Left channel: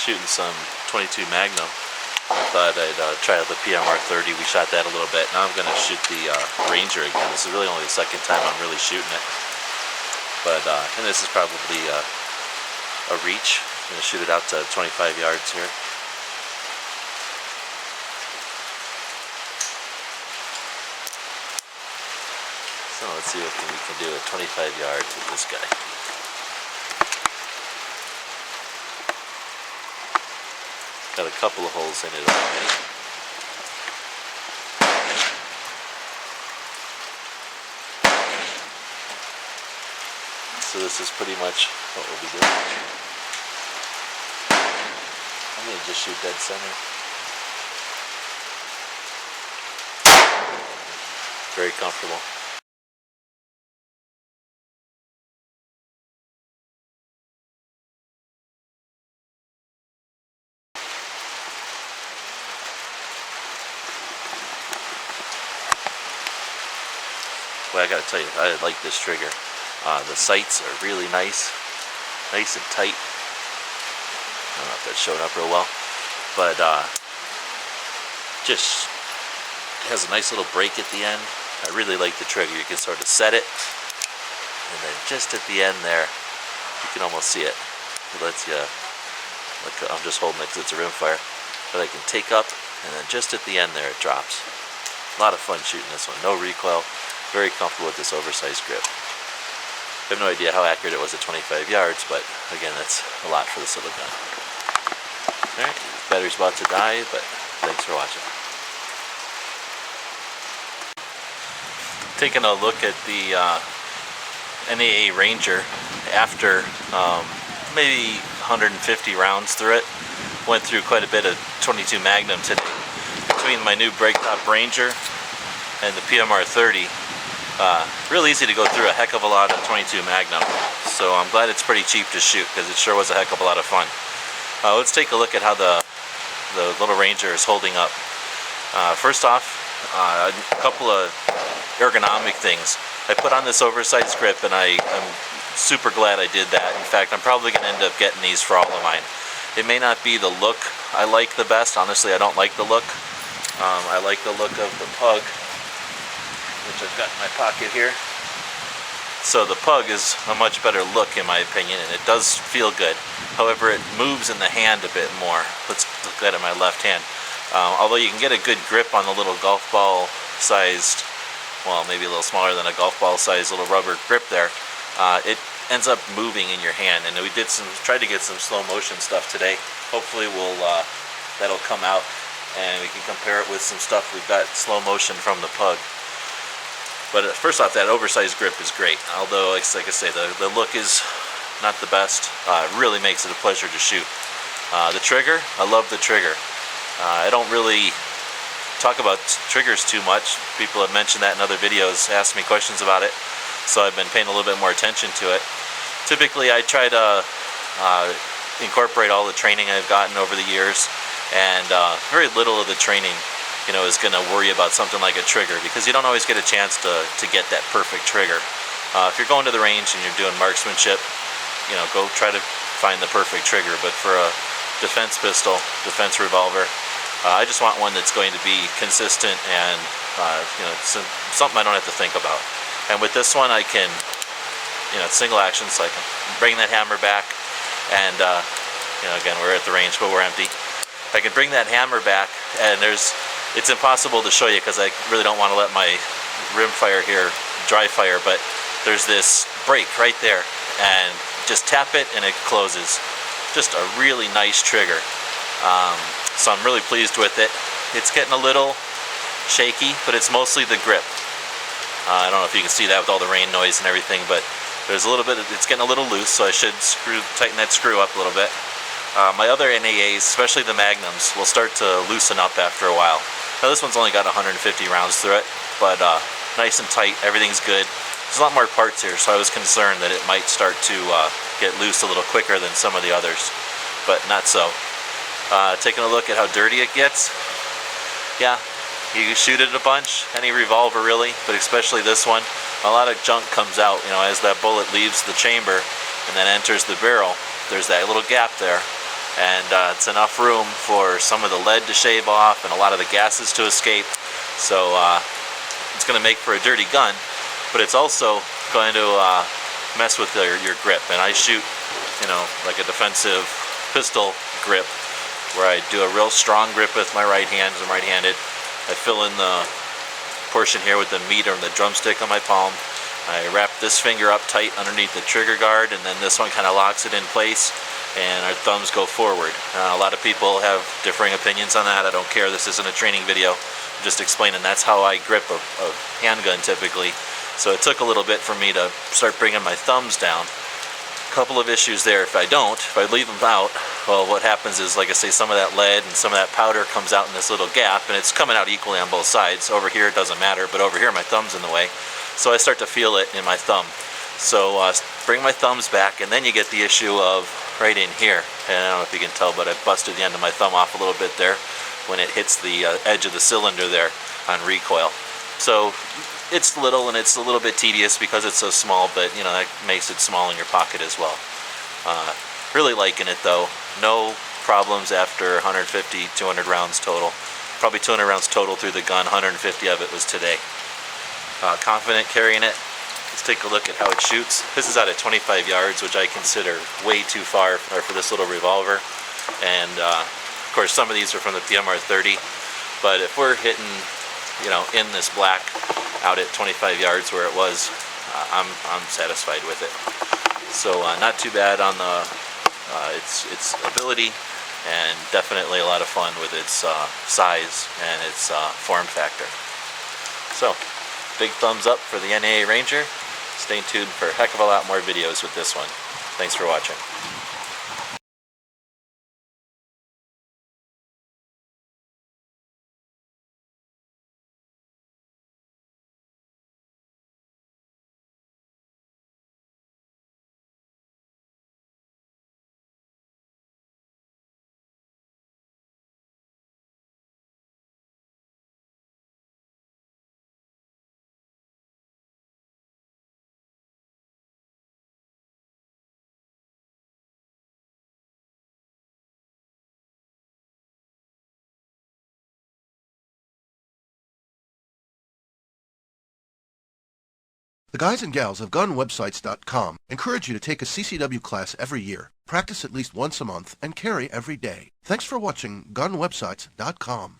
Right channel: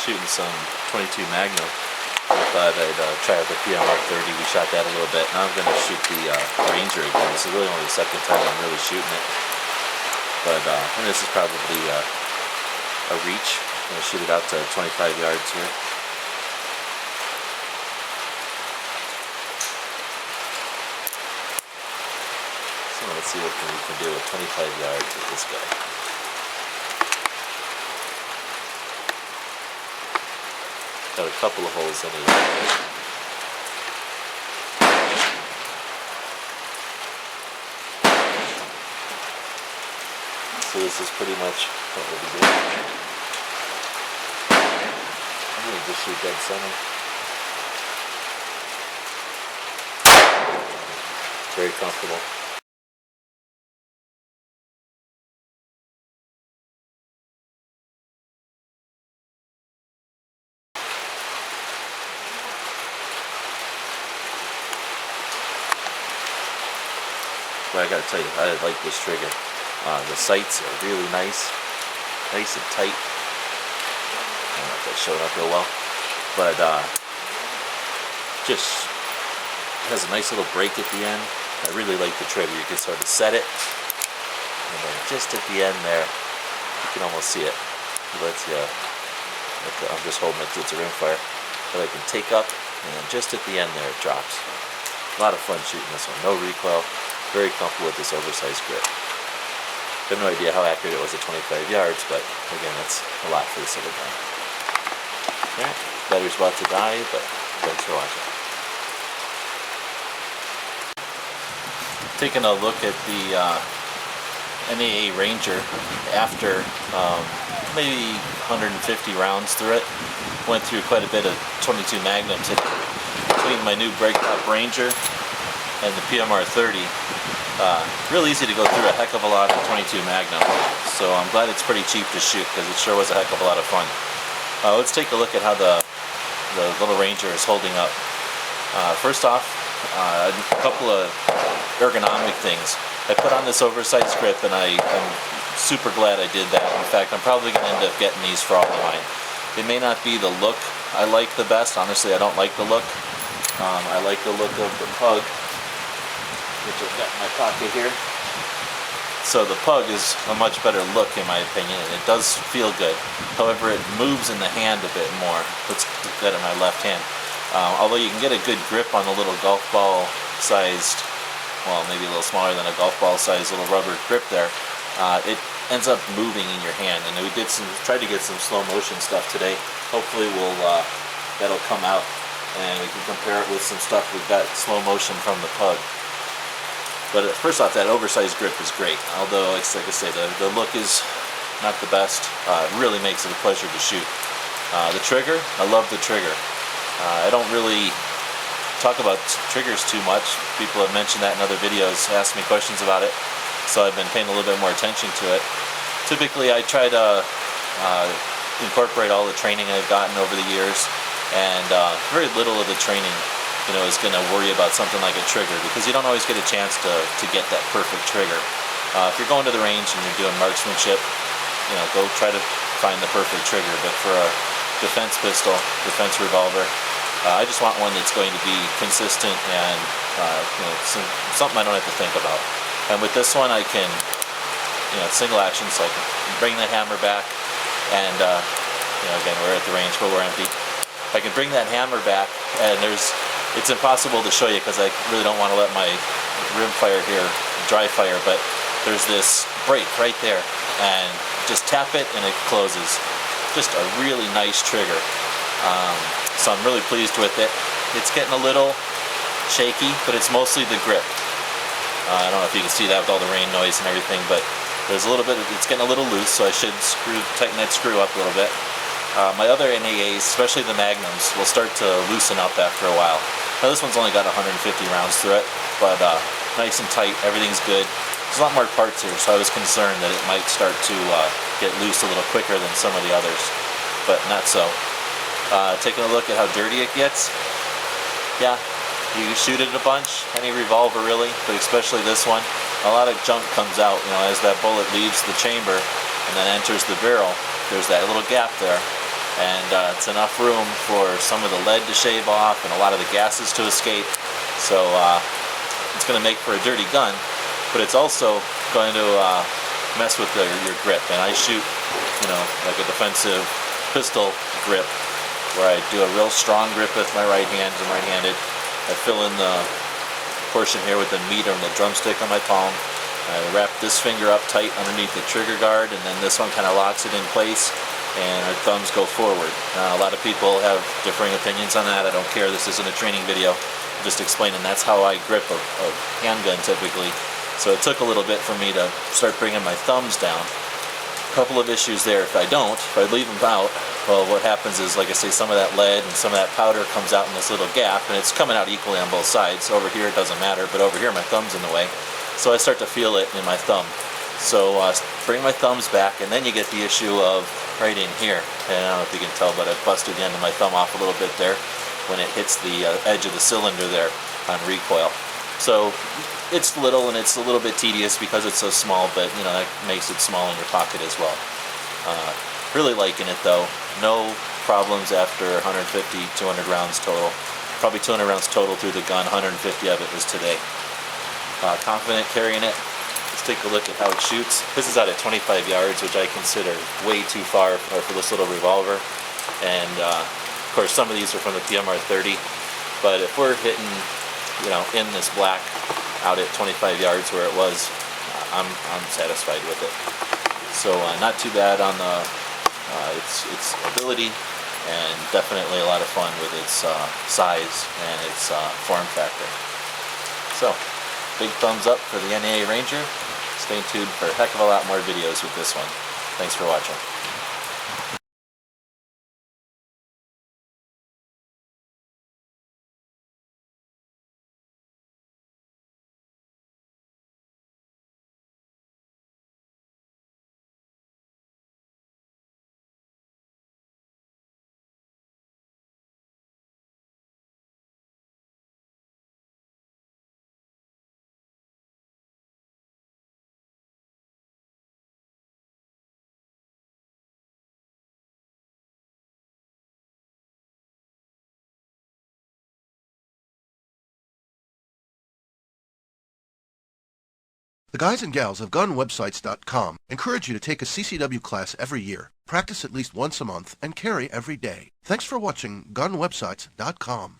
shooting some 22 Magnum. I thought I'd try out the PMR 30. We shot that a little bit. Now I'm going to shoot the Ranger again. This is really only the second time I'm really shooting it. But, and this is probably a reach. I'm going to shoot it out to 25 yards here. So let's see what we can do at 25 yards with this guy. Got a couple of holes in it. So this is pretty much what we'll be doing. I'm going to just shoot dead center. Very comfortable. But I gotta tell you, I like this trigger. The sights are really nice and tight. I don't know if that's showing up real well, but just has a nice little break at the end. I really like the trigger. You can sort of set it, and then just at the end there, you can almost see it. It lets you. I'm just holding it because it's a rimfire, but I can take up, and then just at the end there, it drops. A lot of fun shooting this one. No recoil. Very comfortable with this oversized grip. I have no idea how accurate it was at 25 yards, but again, that's a lot for this little gun. Alright, battery's about to die, but thanks for watching. Taking a look at the NAA Ranger after maybe 150 rounds through it. Went through quite a bit of 22 Magnum today. Between my new Breaktop Ranger and the PMR 30, real easy to go through a heck of a lot of 22 Magnum. So I'm glad it's pretty cheap to shoot because it sure was a heck of a lot of fun. Let's take a look at how the little Ranger is holding up. First off, a couple of ergonomic things. I put on this oversized grip and I'm super glad I did that. In fact, I'm probably going to end up getting these for all of mine. It may not be the look I like the best. Honestly, I don't like the look. I like the look of the Pug, which I've got in my pocket here. So the Pug is a much better look in my opinion, and it does feel good. However, it moves in the hand a bit more. Let's look at it in my left hand. Although you can get a good grip on the little golf ball sized, well, maybe a little smaller than a golf ball sized little rubber grip there, it ends up moving in your hand. And we tried to get some slow motion stuff today. Hopefully that'll come out and we can compare it with some stuff we've got slow motion from the Pug. But first off, that oversized grip is great. Although, like I say, the look is not the best. It really makes it a pleasure to shoot. The trigger, I love the trigger. I don't really talk about triggers too much. People have mentioned that in other videos, asked me questions about it. So I've been paying a little bit more attention to it. Typically, I try to incorporate all the training I've gotten over the years. And very little of the training is going to worry about something like a trigger, because you don't always get a chance to get that perfect trigger. If you're going to the range and you're doing marksmanship, go try to find the perfect trigger. But for a defense pistol, defense revolver, I just want one that's going to be consistent and something I don't have to think about. And with this one, I can, single action, so I can bring that hammer back, and again, we're at the range, but we're empty. I can bring that hammer back, and it's impossible to show you because I really don't want to let my rim fire here dry fire, but there's this break right there, and just tap it and it closes. Just a really nice trigger. So I'm really pleased with it. It's getting a little shaky, but it's mostly the grip. I don't know if you can see that with all the rain noise and everything, but there's a little bit it's getting a little loose, so I should tighten that screw up a little bit. My other NAAs, especially the Magnums, will start to loosen up after a while. Now this one's only got 150 rounds through it, but nice and tight, everything's good. There's a lot more parts here, so I was concerned that it might start to get loose a little quicker than some of the others, but not so. Taking a look at how dirty it gets, yeah, you shoot it a bunch, any revolver really, but especially this one, a lot of junk comes out, as that bullet leaves the chamber and then enters the barrel. There's that little gap there, and it's enough room for some of the lead to shave off and a lot of the gases to escape. So it's going to make for a dirty gun, but it's also going to mess with your grip. And I shoot, like a defensive pistol grip, where I do a real strong grip with my right hand. I'm right-handed. I fill in the portion here with the meat or the drumstick on my palm. I wrap this finger up tight underneath the trigger guard, and then this one kind of locks it in place, and our thumbs go forward. A lot of people have differing opinions on that. I don't care. This isn't a training video. I'm just explaining that's how I grip a handgun typically. So it took a little bit for me to start bringing my thumbs down. A couple of issues there. If I leave them out, well, what happens is, like I say, some of that lead and some of that powder comes out in this little gap, and it's coming out equally on both sides. Over here it doesn't matter, but over here my thumb's in the way. So I start to feel it in my thumb. So bring my thumbs back, and then you get the issue of right in here. And I don't know if you can tell, but I busted the end of my thumb off a little bit there when it hits the edge of the cylinder there on recoil. So it's little, and it's a little bit tedious because it's so small, but that makes it small in your pocket as well. Really liking it though. No problems after 150, 200 rounds total. Probably 200 rounds total through the gun. 150 of it was today. Confident carrying it. Let's take a look at how it shoots. This is out at 25 yards, which I consider way too far for this little revolver. And of course, some of these are from the PMR 30. But if we're hitting, in this black out at 25 yards where it was, I'm satisfied with it. So not too bad on the its ability, and definitely a lot of fun with its size and its form factor. So, big thumbs up for the NAA Ranger. Stay tuned for a heck of a lot more videos with this one. Thanks for watching. The guys and gals of GunWebsites.com encourage you to take a CCW class every year, practice at least once a month, and carry every day. Thanks for watching GunWebsites.com.